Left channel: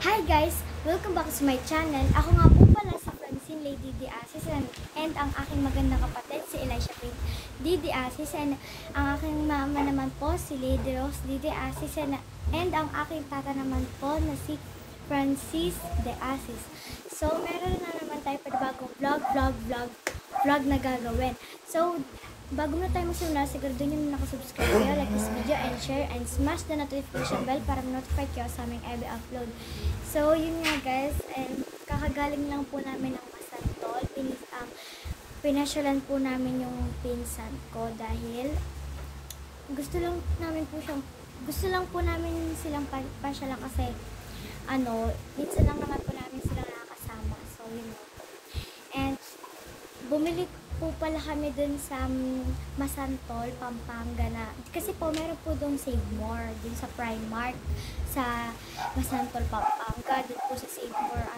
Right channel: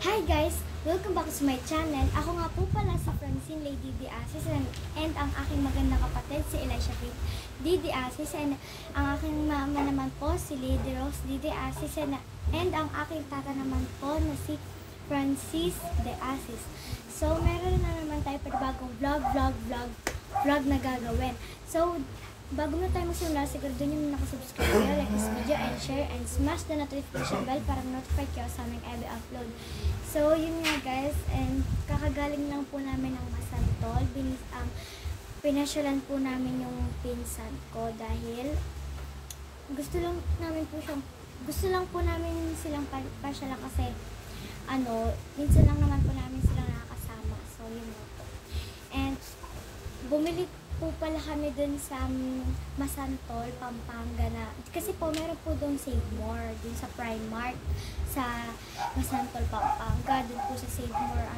Hi guys! Welcome back to my channel. Ako nga po pala si Francine Lady Diasis and ang aking magandang kapatid si Elisha Kate Diasis and ang aking mama naman po si Lady Rose Diasis and ang aking tata naman po na si Francis Diasis. So meron na naman tayo bagong vlog na gagawin. So bago na tayo magsimula, siguro din yung nakasubscribe, like this video and share and smash the notification bell para notify kayo sa aming every upload. So yun nga guys, and kakagaling lang po namin ng Masantol. Pinasyalan po namin yung pinsan ko dahil gusto lang po namin silang pasyalan kasi minsan lang naman po namin sila nakakasama. So yun nga po. And bumili po pala kami dun sa Masantol, Pampanga na. Kasi po meron po doon Save More, dun sa Primark, sa Masantol, Pampanga, din po sa Save More.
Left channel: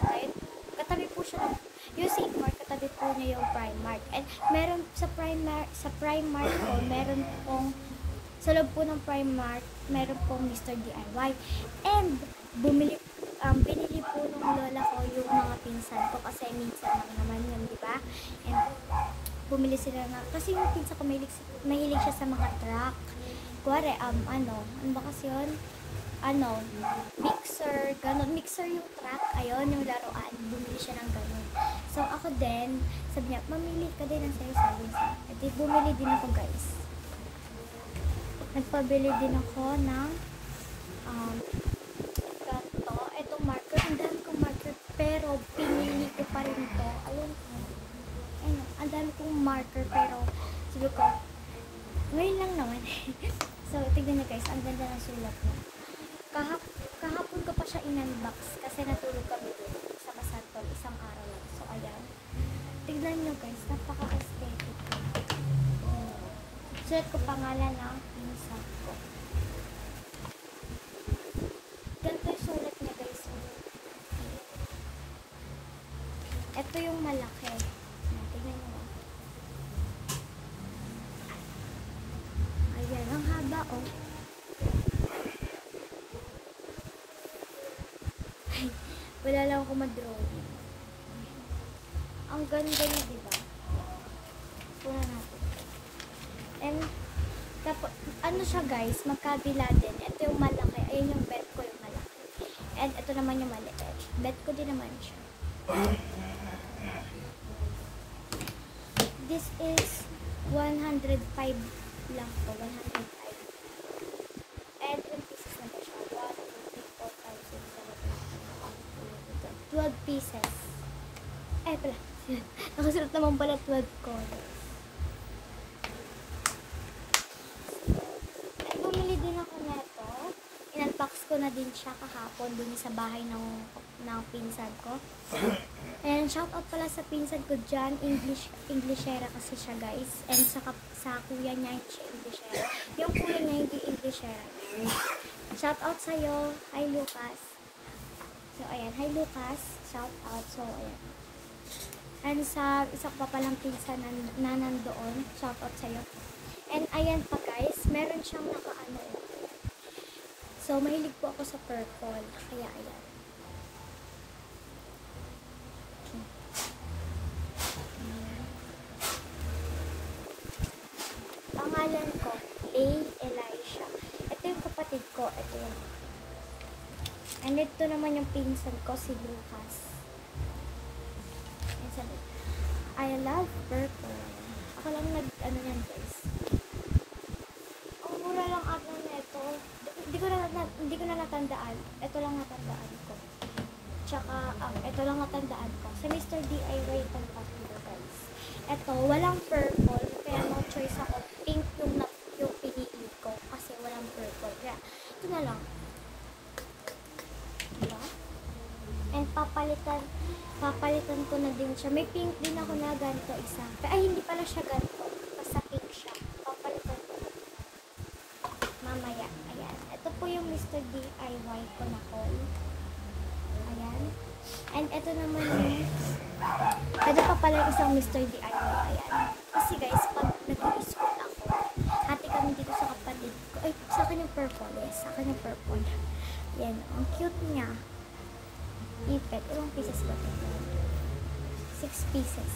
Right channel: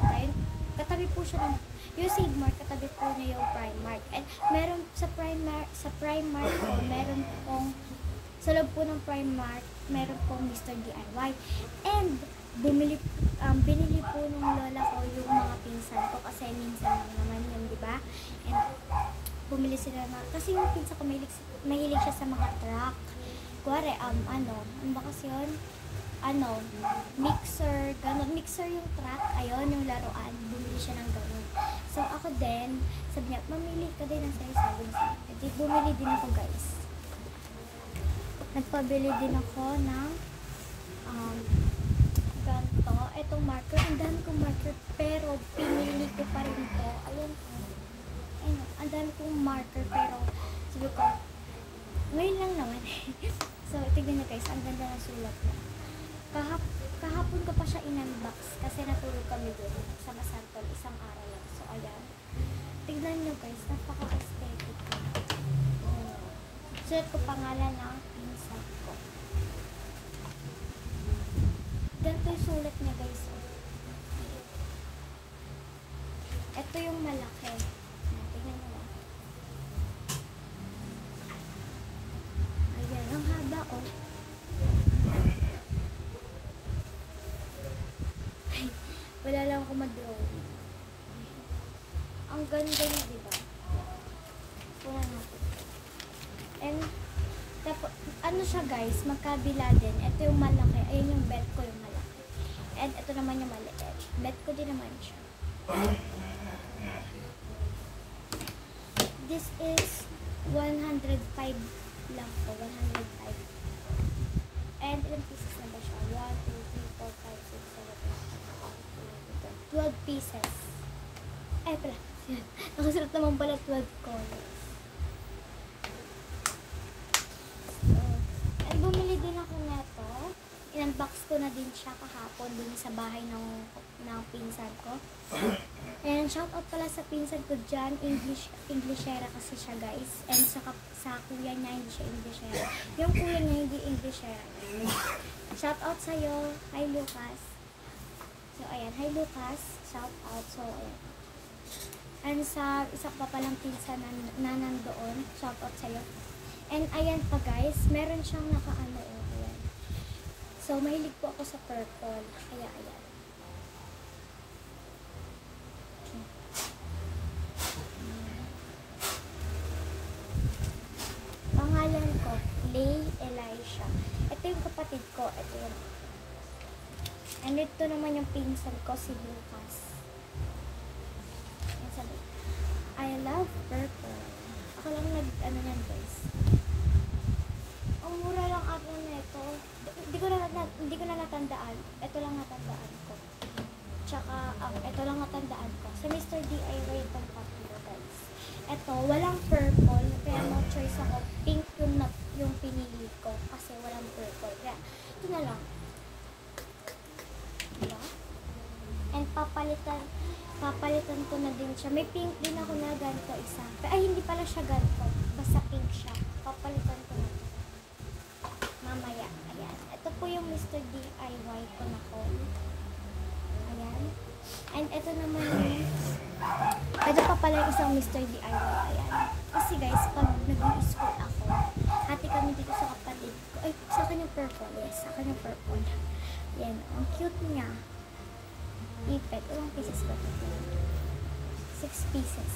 Katabi po siya ng, yung Save More, katabi po niya yung Primark. And meron sa Primark po, meron pong, sa loob po ng Primark, meron pong Mr. DIY. And binili po ng lola ko yung mga pinsan ko kasi minsan lang naman yun, di ba? And bumili sila na, kasi yung pinsan ko mahilig siya sa mga truck. Kuwari, ano ba kasi yun? Mixer, gano'n. Mixer yung truck, ayun, yung laruan. Bumili siya ng gano'n. So, ako din, sabi niya, mamili ka din ng sayo-sayo sa akin. Bumili din ako, guys. Nagpabili din ako ng, ganito. Itong marker, ang dami kong marker, pero pinili ko pa rin ito. Ayun, ang dami kong marker, pero sabi ko, ngayon lang naman. So, tignan nyo guys, ang ganda ng sulat niya. Kahapon ko pa siya in-unbox kasi natulog kami din sa Masantol isang araw lang. So, ayan. Tignan nyo guys, napaka-aesthetic ko. Sulat ko pangalan ng minsan ko. Ganito yung sulat niya guys. Ito yung malaki. Tignan nyo lang. Ayan, ang haba oh. Wala lang ako mag-drawing. Ang ganda niya, diba? Wala natin. And, tapos, ano siya guys, magkabila din. Ito yung malaki. Ayun yung bet ko yung malaki. And ito naman yung malaki. Bet ko din naman siya. This is 105 lang po. 105. And ilang pieces na ba siya? 1, 2, 3, 4, 5, 6, 7, 8, 12 pieces. Ay, pala. Nakasulat naman pala 12 colors. So, bumili din ako neto. In-unbox ko na din siya kahapon din sa bahay ng pinsan ko. And shoutout pala sa pinsan ko dyan. Englishera kasi siya guys. And sa kuya niya hindi siya Englishera. Yung kuya niya hindi Englishera. Shoutout sa'yo. Hi Lucas. So ayan. Hi Lucas. Shoutout. So ayan. And sa isa pa palang pinsan na nandoon. Shoutout sa'yo. And ayan pa guys. Meron siyang nakaano ito. So mahilig po ako sa purple. Kaya ayan. Pangalan ko, Elisha. Ito yung kapatid ko. Ito yun. And ito naman yung pinsan ko, si Lucas. I love purple. Ako lang yan guys. Ang mura lang ako na ito. Hindi ko na natandaan. Ito lang natandaan ko. Tsaka, ito lang natandaan ko. Sa Mr. DIY itong popular guys. Ito, walang purple. Kaya no choice ako. Pink yung pinili ko. Kasi walang purple. Kaya, ito na lang. Yeah. And papalitan ko na din siya. May pink din ako na ganito isa. Ay, hindi pala siya ganito. Basta pink siya. Papalitan ko na din. Mamaya. Ayan. Ito po yung Mr. DIY ko na call. Ayan. And ito naman yung ito pa pala yung isang Mr. DIY. Ayan. Kasi guys, pag nag-school ako, hati kami dito sa kapatid ko. Ay, sa akin yung purple. Yes, sa akin yung purple. Ayan. Ang cute niya. Ilang pieces ba ito? 6 pieces.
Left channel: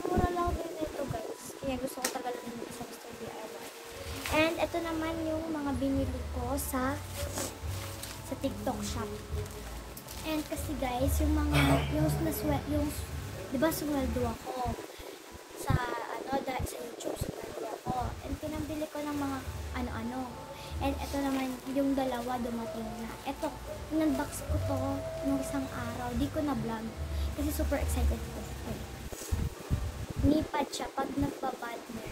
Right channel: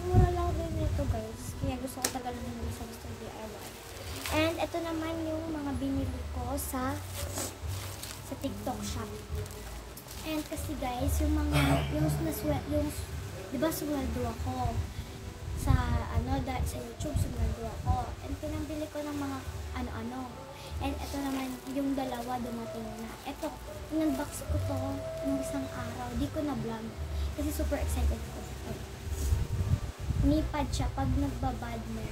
Mura lang rin ito guys. Kaya gusto ko talaga bumili sa Mr. DIY. And ito naman yung mga binili ko sa TikTok shop. And kasi guys, yung mga, yung di ba sumweldo ako sa sa YouTube, sumweldo ako. And pinambili ko ng mga ano-ano. And ito naman, yung dalawa dumating na. Ito, in-unbox ko to nung isang araw. Di ko na-vlog. Kasi super excited ko. Nipad siya pag nagbabad mo.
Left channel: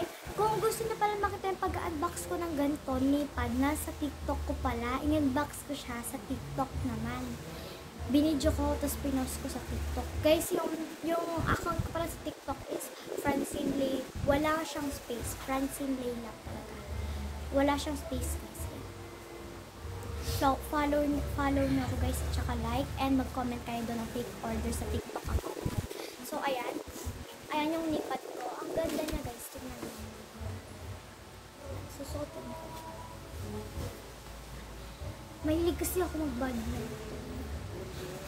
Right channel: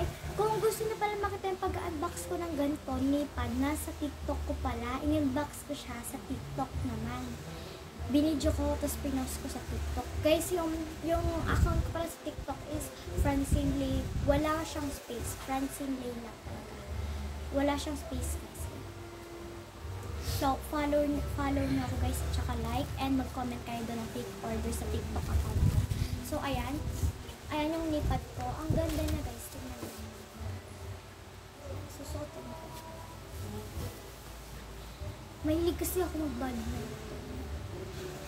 Ay, kung gusto na pala makita yung pag-unbox ko ng ganito, nipad, nasa TikTok ko pala. In-unbox ko siya sa TikTok naman. Binidyo ko, tapos pinost ko sa TikTok. Guys, yung account ko pala sa TikTok is Francine Lay. Wala siyang space. Francine Lay lang talaga. Wala siyang space kasi. So, follow niyo ako guys, at saka like, and mag-comment kayo doon ng quick order sa TikTok account ko. So, ayan. Ayan yung nipat ko. Ang ganda niya guys. Tignan niyo. Susuotin ko siya. Mahilig kasi ako mag-badminton.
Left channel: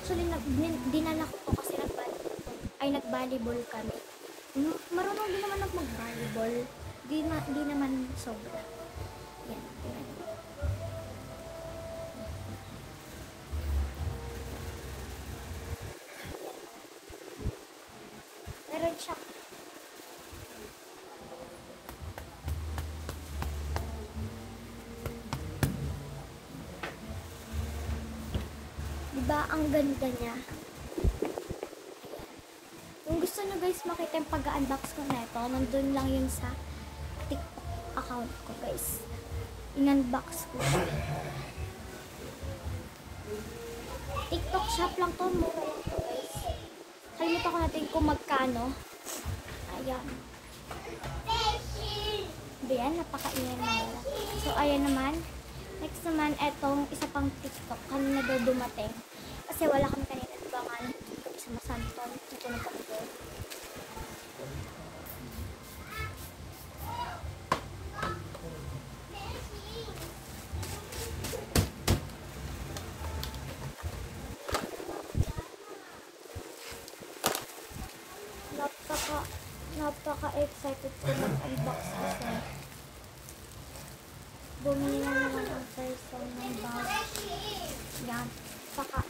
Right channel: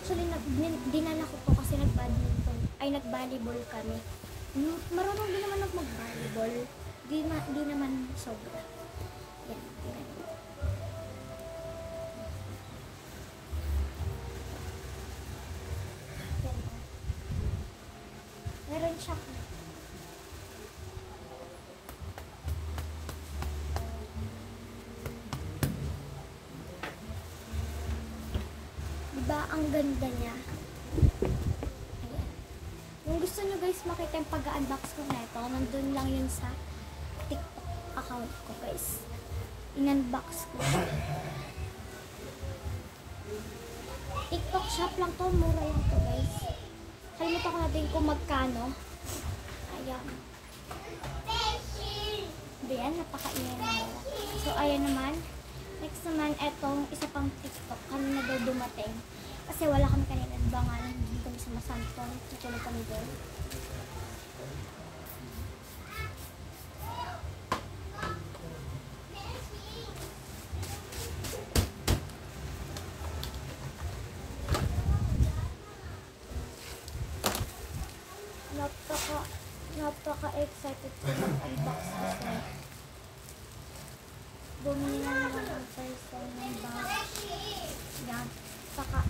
Actually, dinala ko to kasi nag-volleyball kami. Marunong din naman ako mag-volleyball. Di naman sobra. Yan. Meron siya. Diba ang ganda niya? Ayan. Kung gusto nyo guys makita yung pag-unbox ko na ito, nandun lang yun sa TikTok account ko guys. In-unbox ko siya. TikTok shop lang to, mura lang to guys. Kalimutan ko natin kung magkano. Ayan. Ayan, napakaingay na mura. So ayan naman. Next naman, etong isa pang TikTok. Kanina daw dumating. Kasi wala kami kanina. Diba nga, hindi kami sa Masanton. Dito na kami doon. Napaka-excited ko mag-unbox kasi bumili na naman ang person ng bag. Yan. Saka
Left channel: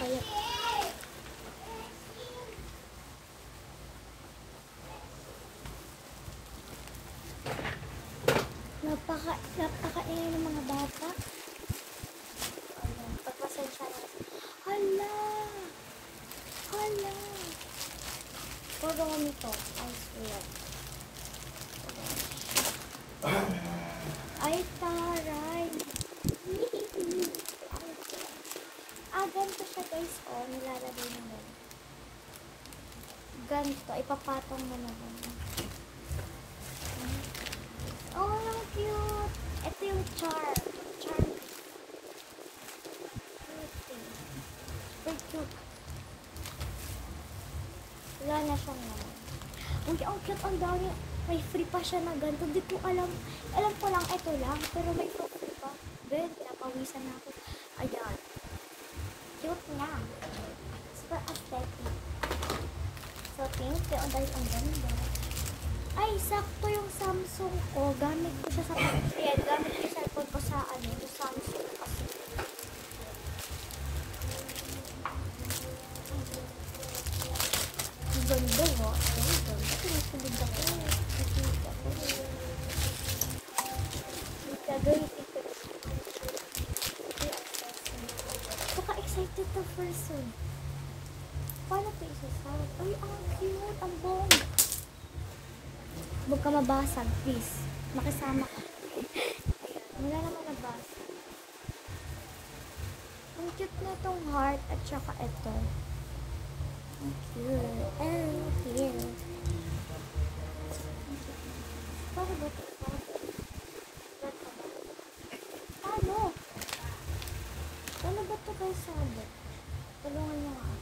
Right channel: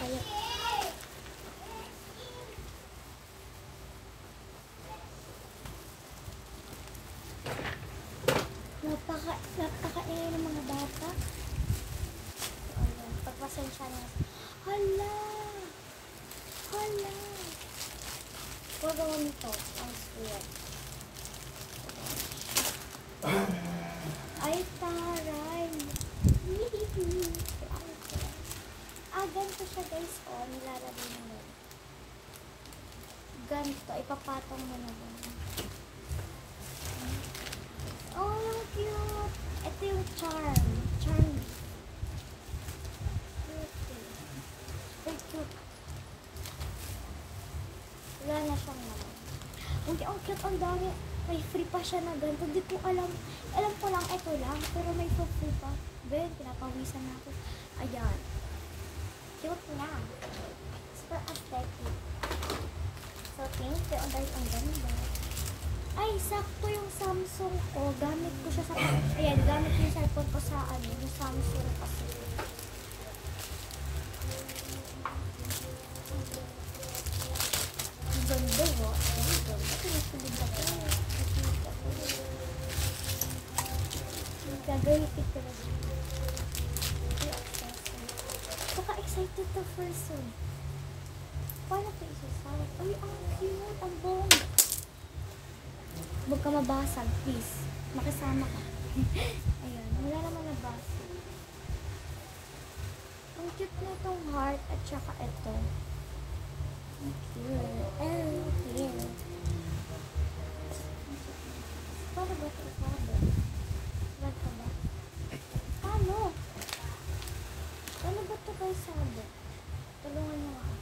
bayan. Napaka-ingay ng mga bata. Pagpasensya na. Hala! Hala! Pagawin nito. Ang sweet. Ay, taray! Ganito siya guys. O, nilalagay na mo. Ganito. Ipapatong mo na ganun. Oh, yung cute! Ito yung charm. Charm. Cute. Oh, cute. Wala na siyang naman. Ang cute, ang dami. May free pa siya na ganito. Hindi ko alam. Alam ko lang, ito lang. Pero may free pa. Ben, pinapawisan na ako. Ayan. Cute na. Super aesthetic. So, thank you. Ang ganda. Ay, sakto yung Samsung ko. Gamit ko siya sa pagkaya. Gamit ko yung cellphone ko sa yung Samsung kasi. Ang ganda mo. Ang ganda. Ito yung tulid ako. Ganito ko. Excited to person. Paano ito isasawat? Ay, ang cute. Ang bong. Huwag ka mabasag, please. Makisama ka. Ayan, wala naman nabasag. Ang cute na itong heart at saka ito. Ang cute. Ang cute. Paano ba ito isasawat? Ano? Ano ba ito guys sabi? Tulungan niyo ako.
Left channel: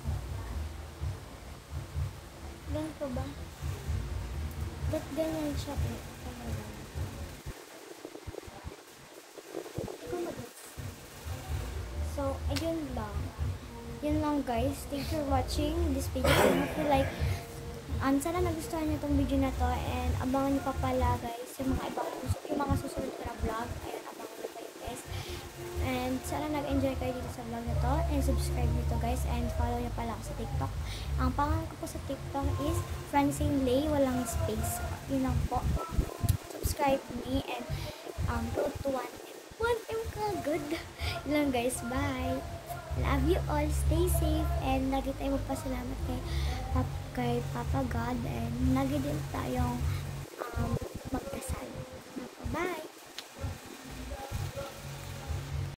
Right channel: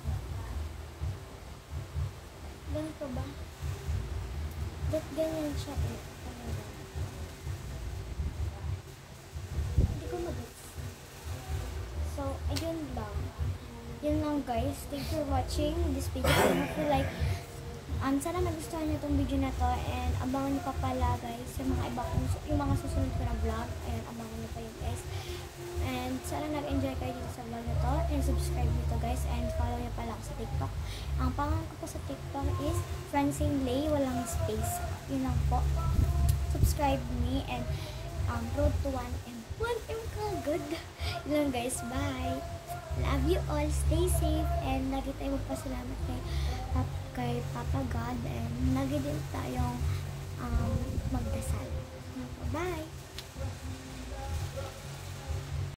Ganito ba? Ba't ganyan siya eh? Hindi ko mag-gets. So, Yun lang guys. Thanks for watching this video. And if you like, sana nagustuhan niyo itong video na to. And abangan niyo pa pala guys yung mga susunod ko na vlog. Ayan, abangan niyo pa yun guys. And sana nag-enjoy kayo dito sa vlog na to. And subscribe dito guys. And follow niyo pala ako sa TikTok. Ang pangalan ko po sa TikTok is Francine Lay, walang space. Yun lang po. Subscribe me and go to 1 and 1M ka. Good. Yun lang guys. Bye. Love you all. Stay safe. And lagi tayo magpasalamat kay Papa God. And lagi din tayong magdasal. Bye.